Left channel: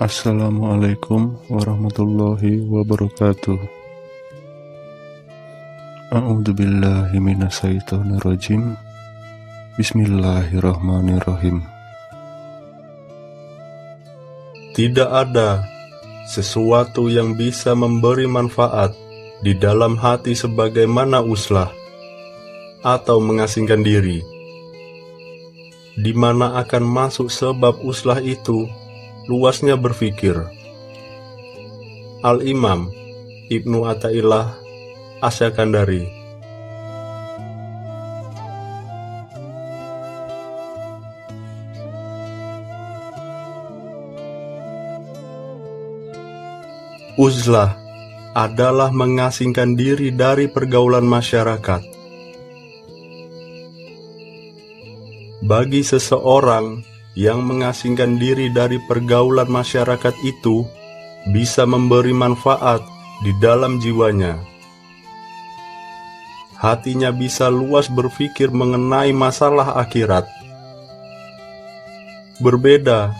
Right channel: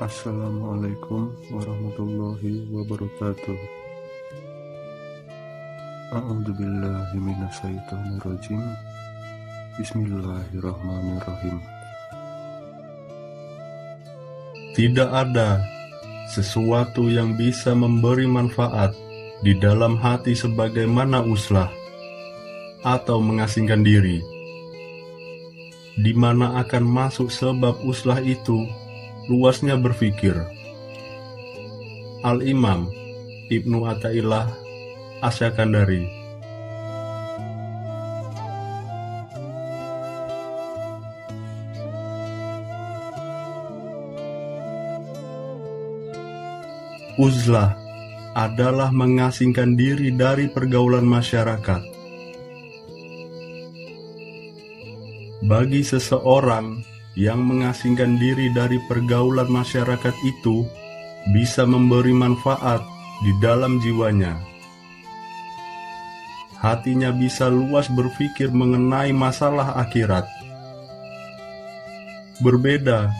Assalamualaikum warahmatullahi wabarakatuh. A'udzu billahi minasyaitonir rajim. Bismillahirrahmanirrahim. Tidak ada sesuatu yang bisa memberi manfaat di dalam hati sebagaimana uzlah atau mengasingkan diri, di mana akan masuk sebab uzlah itu luasnya berpikir. Al-Imam Ibnu Athaillah Asy-Syakandari. Uzlah adalah mengasingkan diri dari pergaulan masyarakat. Bagi seseorang yang mengasingkan diri dari pergaulan masyarakat itu bisa memberi manfaat di dalam jiwanya. Hatinya bisa luas berpikir mengenai masalah akhirat. Berbeda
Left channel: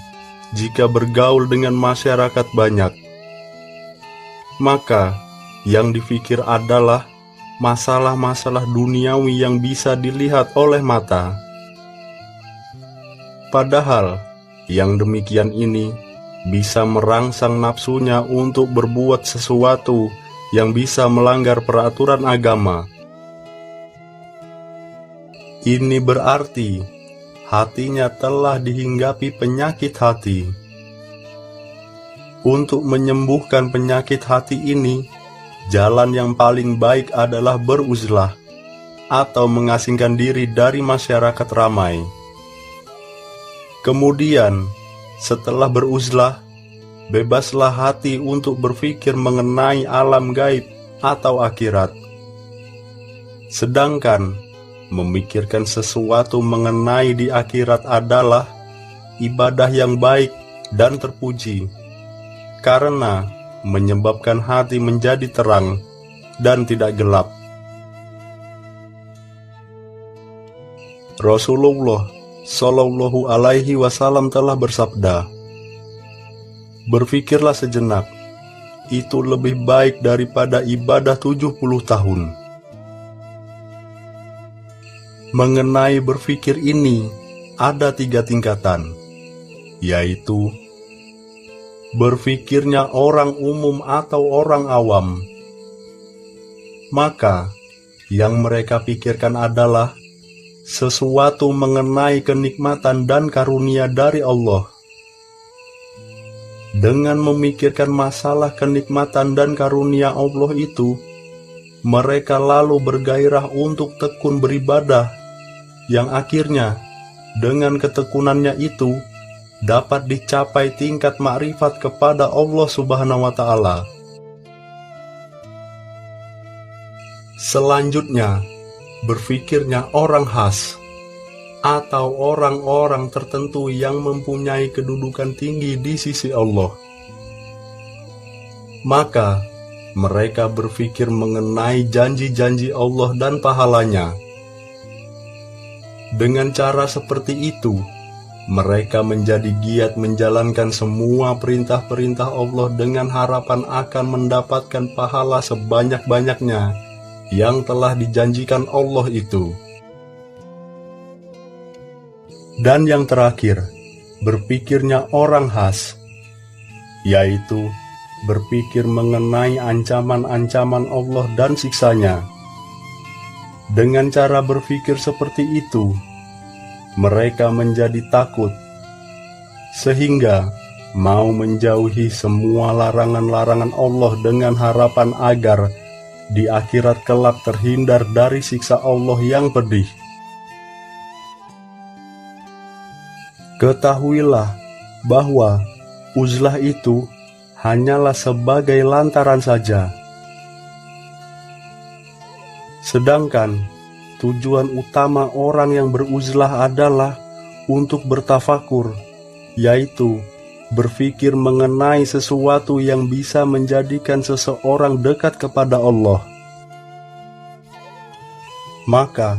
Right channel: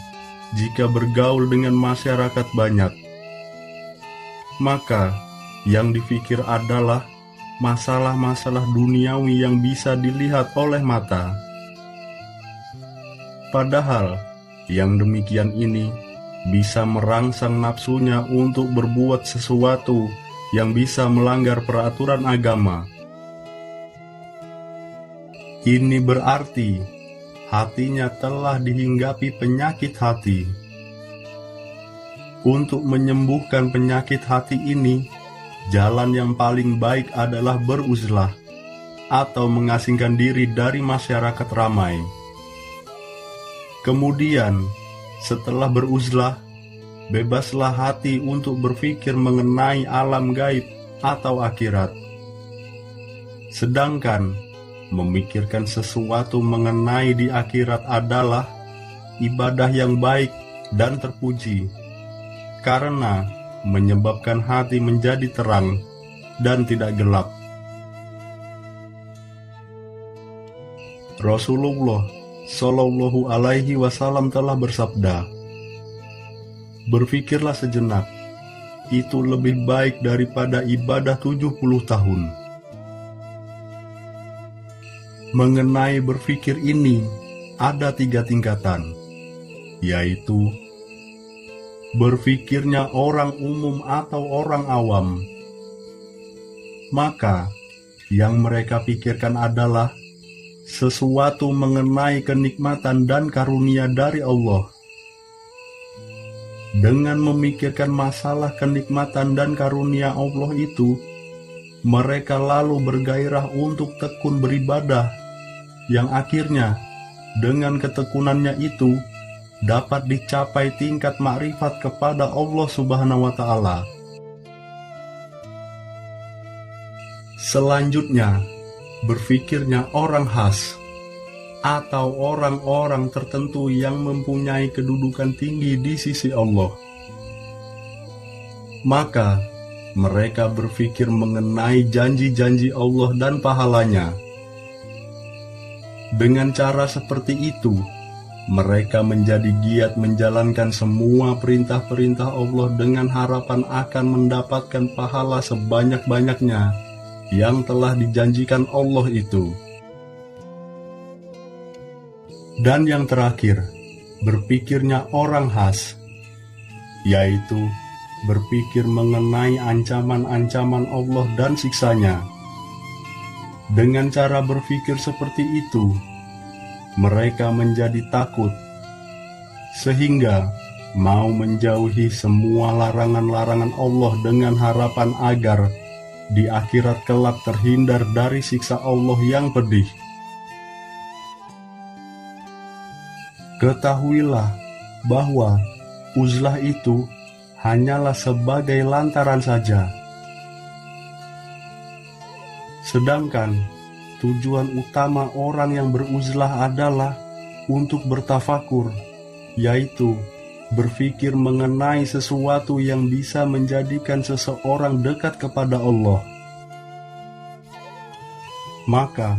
jika bergaul dengan masyarakat banyak, maka yang dipikir adalah masalah-masalah duniawi yang bisa dilihat oleh mata. Padahal yang demikian ini bisa merangsang nafsunya untuk berbuat sesuatu yang bisa melanggar peraturan agama. Ini berarti hatinya telah dihinggapi penyakit hati. Untuk menyembuhkan penyakit hati ini, jalan yang paling baik adalah beruzlah atau mengasingkan diri dari masyarakat ramai. Kemudian, setelah beruzlah, bebaslah hati untuk berpikir mengenai alam gaib atau akhirat. Sedangkan, memikirkan sesuatu mengenai di akhirat adalah ibadah yang baik dan terpuji, karena menyebabkan hati menjadi terang dan tidak gelap. Rasulullah Shallallahu Alaihi Wasallam telah bersabda, "Berfikirlah sejenak, itu lebih baik daripada ibadah 70 tahun." Mengenai berfikir ini, ada 3 tingkatan, yaitu berfikirnya orang umum atau orang awam. Maka, yang mereka pikirkan adalah sesuatu mengenai kenikmatan dan karunia dari Allah. Dengan memikirkan masalah kenikmatan dan karunia Allah itu, mereka lalu bergairah untuk tekun beribadah, yang akhirnya dengan ketekunannya itu dapat dicapai tingkat makrifat kepada Allah Subhanahu wa Ta'ala. Selanjutnya, berfikirnya orang khas atau orang-orang tertentu yang mempunyai kedudukan tinggi di sisi Allah. Maka, mereka berfikir mengenai janji-janji Allah dan pahalanya. Dengan cara seperti itu, mereka menjadi giat menjalankan semua perintah-perintah Allah dengan harapan akan mendapatkan pahala sebanyak-banyaknya yang telah dijanjikan Allah itu. Dan yang terakhir, berpikirnya orang khas, yaitu berpikir mengenai ancaman-ancaman Allah dan siksanya. Dengan cara berpikir seperti itu, mereka menjadi takut, sehingga mau menjauhi semua larangan-larangan Allah dengan harapan agar di akhirat kelak terhindar dari siksa Allah yang pedih. Ketahuilah bahwa uzlah itu hanyalah sebagai lantaran saja. Sedangkan tujuan utama orang yang beruzlah adalah untuk bertafakur, yaitu berpikir mengenai sesuatu yang bisa menjadikan seseorang dekat kepada Allah. Maka,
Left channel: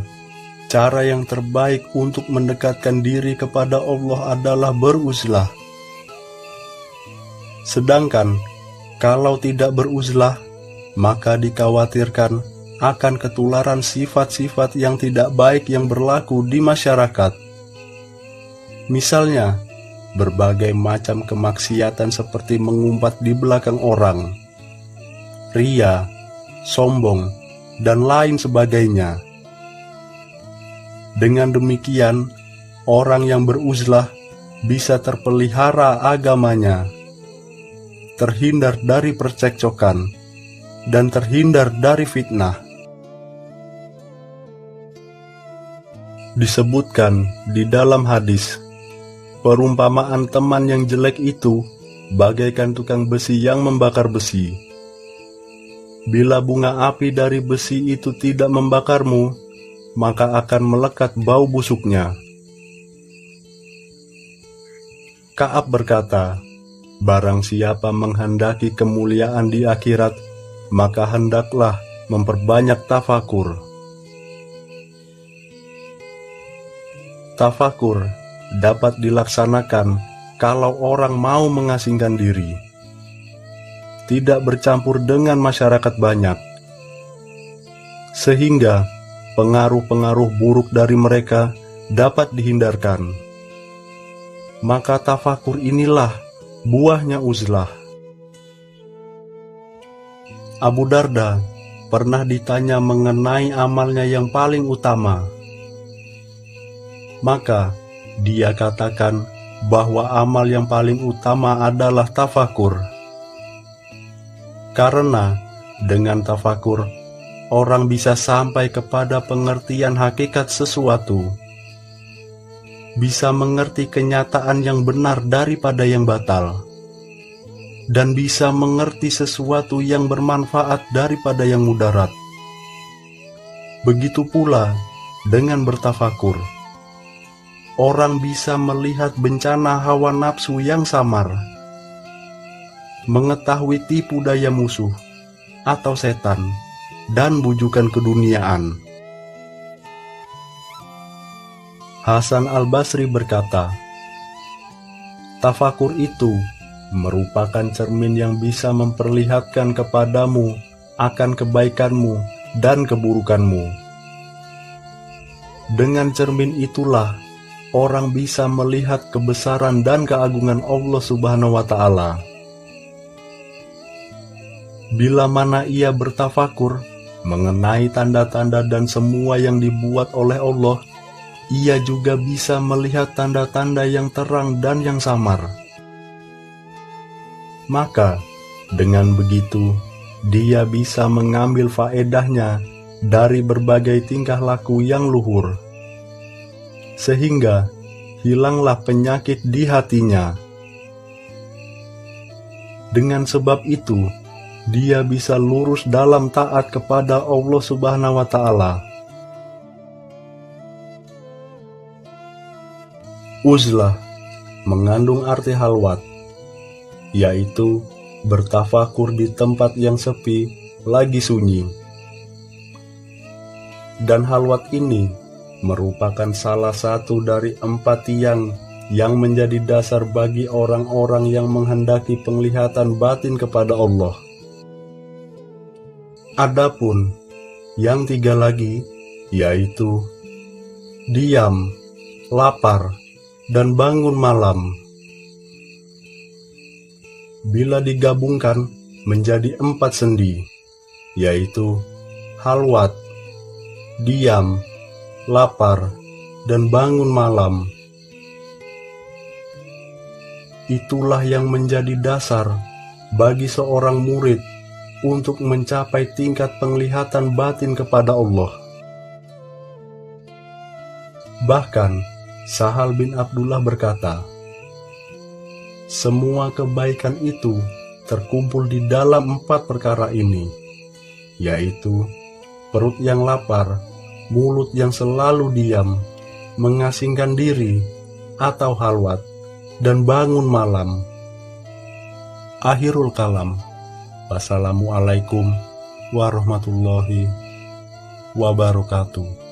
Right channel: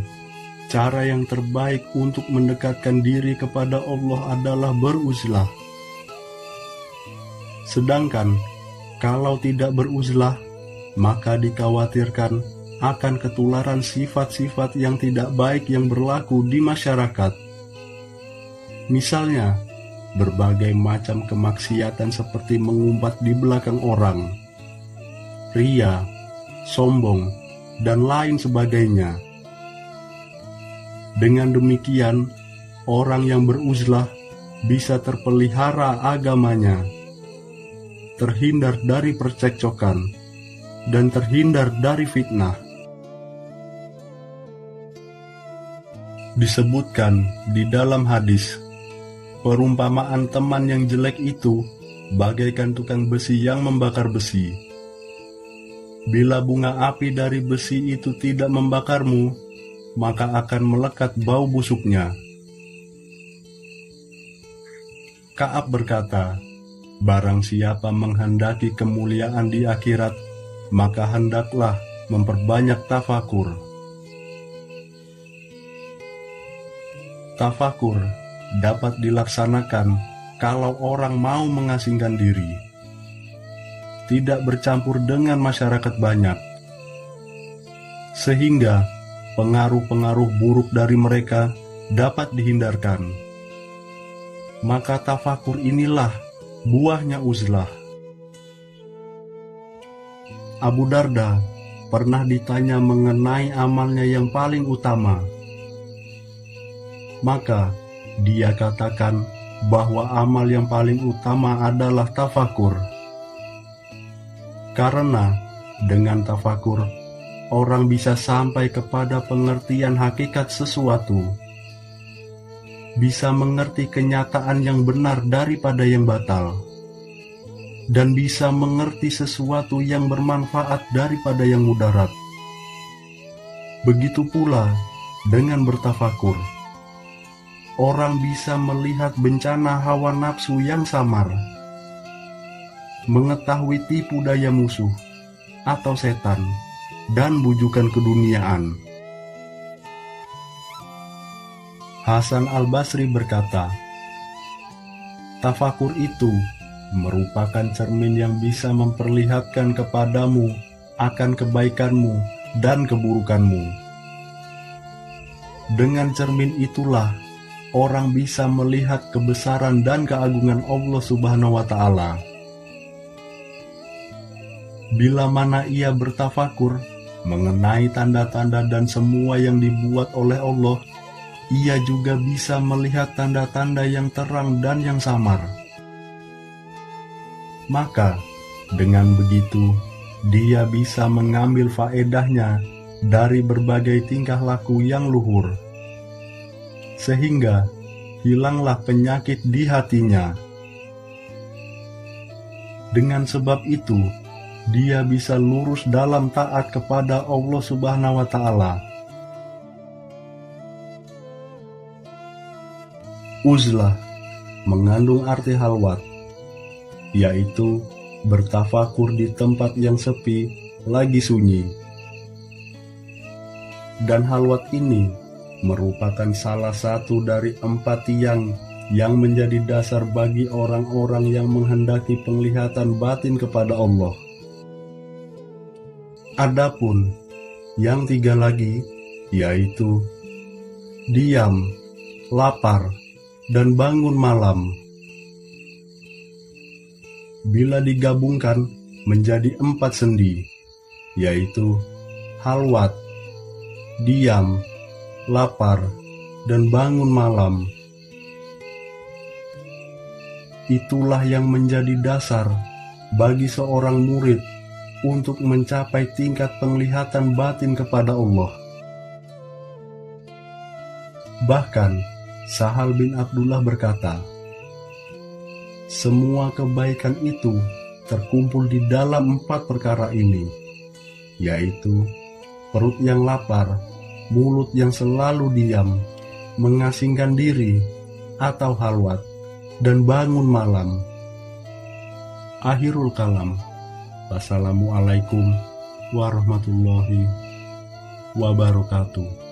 cara yang terbaik untuk mendekatkan diri kepada Allah adalah beruzlah. Sedangkan kalau tidak beruzlah, maka dikhawatirkan akan ketularan sifat-sifat yang tidak baik yang berlaku di masyarakat. Misalnya, berbagai macam kemaksiatan seperti mengumpat di belakang orang, ria, sombong, dan lain sebagainya. Dengan demikian, orang yang beruzlah bisa terpelihara agamanya, terhindar dari percekcokan, dan terhindar dari fitnah. Disebutkan di dalam hadis, perumpamaan teman yang jelek itu bagaikan tukang besi yang membakar besi. Bila bunga api dari besi itu tidak membakarmu, maka akan melekat bau busuknya. Ka'ab berkata, barang siapa menghendaki kemuliaan di akhirat, maka hendaklah memperbanyak tafakur. Tafakur dapat dilaksanakan kalau orang mau mengasingkan diri, tidak bercampur dengan masyarakat banyak, sehingga pengaruh-pengaruh buruk dari mereka dapat dihindarkan. Maka tafakur inilah buahnya uzlah. Abu Darda pernah ditanya mengenai amalnya yang paling utama. Maka dia katakan bahwa amal yang paling utama adalah tafakur. Karena dengan tafakur, orang bisa sampai kepada pengertian hakikat sesuatu, bisa mengerti kenyataan yang benar daripada yang batal, dan bisa mengerti sesuatu yang bermanfaat daripada yang mudarat. Begitu pula dengan bertafakur, orang bisa melihat bencana hawa nafsu yang samar, mengetahui tipu daya musuh atau setan, dan bujukan keduniaan. Hasan al-Basri berkata, tafakur itu merupakan cermin yang bisa memperlihatkan kepadamu akan kebaikanmu dan keburukanmu. Dengan cermin itulah orang bisa melihat kebesaran dan keagungan Allah Subhanahu wa Ta'ala. Bila mana ia bertafakur mengenai tanda-tanda dan semua yang dibuat oleh Allah, ia juga bisa melihat tanda-tanda yang terang dan yang samar. Maka, dengan begitu, dia bisa mengambil faedahnya dari berbagai tingkah laku yang luhur, sehingga hilanglah penyakit di hatinya. Dengan sebab itu, dia bisa lurus dalam taat kepada Allah Subhanahu wa Ta'ala. Uzlah mengandung arti halwat, yaitu bertafakur di tempat yang sepi, lagi sunyi. Dan halwat ini merupakan salah satu dari 4 tiang yang menjadi dasar bagi orang-orang yang menghendaki penglihatan batin kepada Allah. Adapun yang 3 lagi, yaitu diam, lapar, dan bangun malam, bila digabungkan menjadi 4 sendi, yaitu halwat, diam, lapar, dan bangun malam. Itulah yang menjadi dasar bagi seorang murid untuk mencapai tingkat penglihatan batin kepada Allah. Bahkan Sahal bin Abdullah berkata, semua kebaikan itu terkumpul di dalam 4 perkara ini, yaitu perut yang lapar, mulut yang selalu diam, mengasingkan diri atau halwat, dan bangun malam. Akhirul kalam. Wassalamualaikum warahmatullahi wabarakatuh.